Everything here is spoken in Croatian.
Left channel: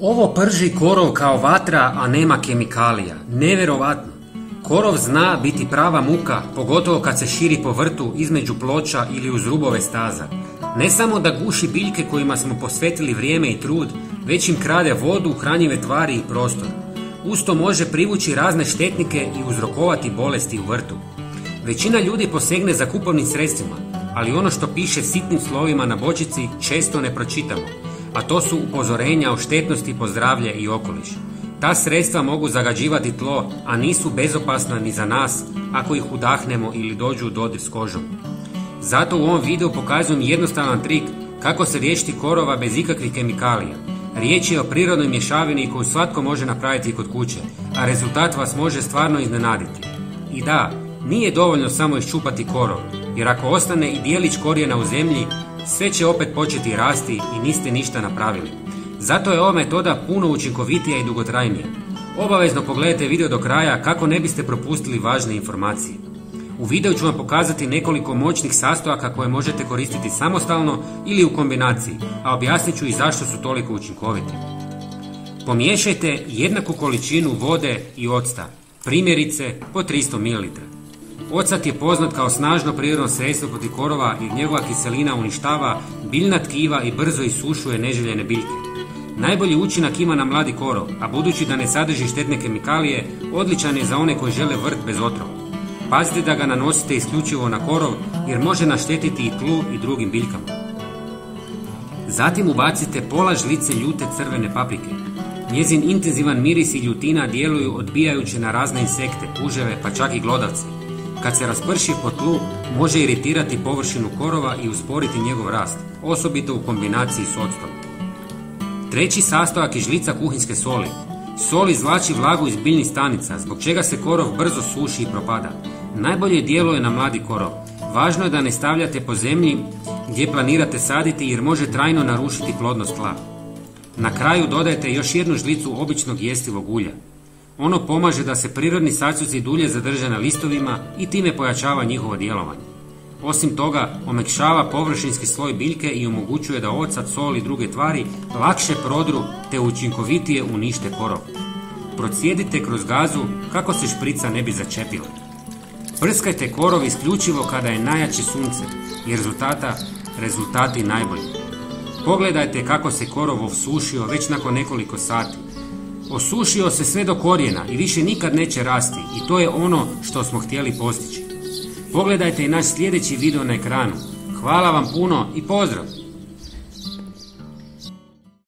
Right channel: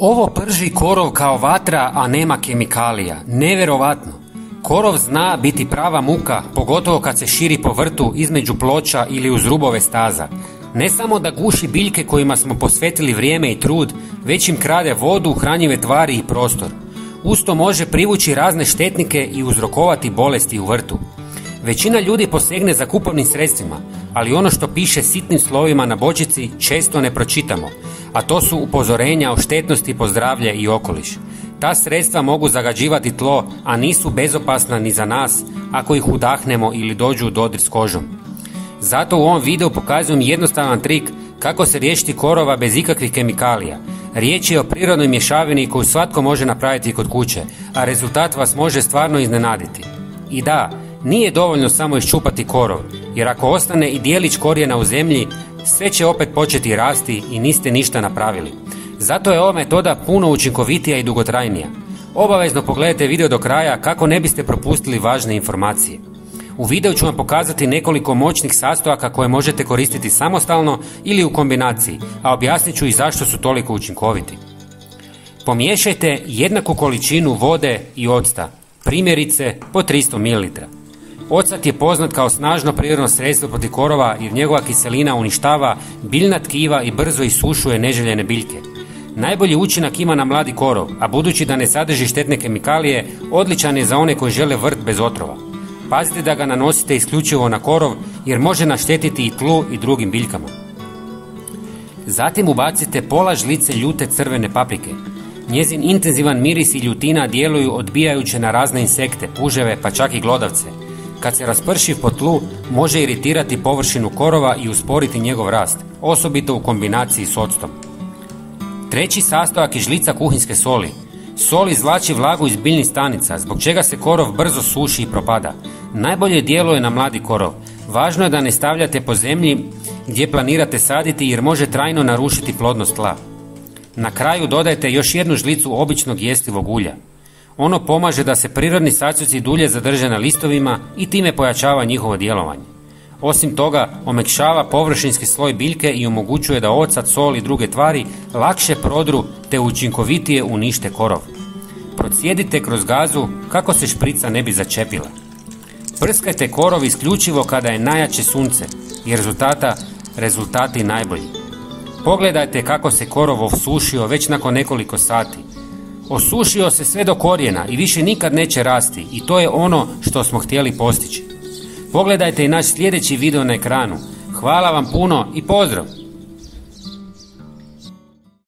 Ovo prži korov kao vatra, a nema kemikalija. Neverovatno. Korov zna biti prava muka, pogotovo kad se širi po vrtu između ploča ili uz rubove staza. Ne samo da guši biljke kojima smo posvetili vrijeme i trud, već im krade vodu, hranjive tvari i prostor. Usto može privući razne štetnike i uzrokovati bolesti u vrtu. Većina ljudi posegne za kupovnim sredstvima, ali ono što piše sitnim slovima na bočici često ne pročitamo, a to su upozorenja o štetnosti po zdravlje i okoliš. Ta sredstva mogu zagađivati tlo, a nisu bezopasna ni za nas ako ih udahnemo ili dođu u dodir s kožom. Zato u ovom videu pokazujem jednostavan trik kako se riješiti korova bez ikakvih kemikalija. Riječ je o prirodnoj mješavini koju svatko može napraviti kod kuće, a rezultat vas može stvarno iznenaditi. I da, nije dovoljno samo iščupati korov, jer ako ostane i dijelić korijena u zemlji, sve će opet početi rasti i niste ništa napravili. Zato je ova metoda puno učinkovitija i dugotrajnija. Obavezno pogledajte video do kraja kako ne biste propustili važne informacije. U videu ću vam pokazati nekoliko moćnih sastojaka koje možete koristiti samostalno ili u kombinaciji, a objasnit ću i zašto su toliko učinkoviti. Pomiješajte jednaku količinu vode i octa, primjerice po 300 ml. Ocat je poznat kao snažno prirodno sredstvo protiv korova jer njegova kiselina uništava biljna tkiva i brzo isušuje neželjene biljke. Najbolji učinak ima na mladi korov, a budući da ne sadrži štetne kemikalije, odličan je za one koji žele vrt bez otrova. Pazite da ga nanosite isključivo na korov jer može naštetiti i tlu i drugim biljkama. Zatim ubacite pola žlice ljute crvene paprike. Njezin intenzivan miris i ljutina djeluju odbijajuće na razne insekte, puževe pa čak i glodavce. Kad se rasprši po tlu, može iritirati površinu korova i usporiti njegov rast, osobito u kombinaciji s octom. Treći sastojak je žlica kuhinjske soli. Sol izvlači vlagu iz biljnih stanica, zbog čega se korov brzo suši i propada. Najbolje djeluje na mladi korov. Važno je da ne stavljate po zemlji gdje planirate saditi jer može trajno narušiti plodnost tla. Na kraju dodajte još jednu žlicu običnog jestivog ulja. Ono pomaže da se prirodni sastojci dulje zadrže na listovima i time pojačava njihovo djelovanje. Osim toga, omekšava površinski sloj biljke i omogućuje da ocat, sol i druge tvari lakše prodru te učinkovitije unište korov. Procijedite kroz gazu kako se šprica ne bi začepile. Prskajte korov isključivo kada je najjače sunce i rezultati najbolji. Pogledajte kako se korov osušio već nakon nekoliko sati. Osušio se sve do korijena i više nikad neće rasti i to je ono što smo htjeli postići. Pogledajte i naš sljedeći video na ekranu. Hvala vam puno i pozdrav!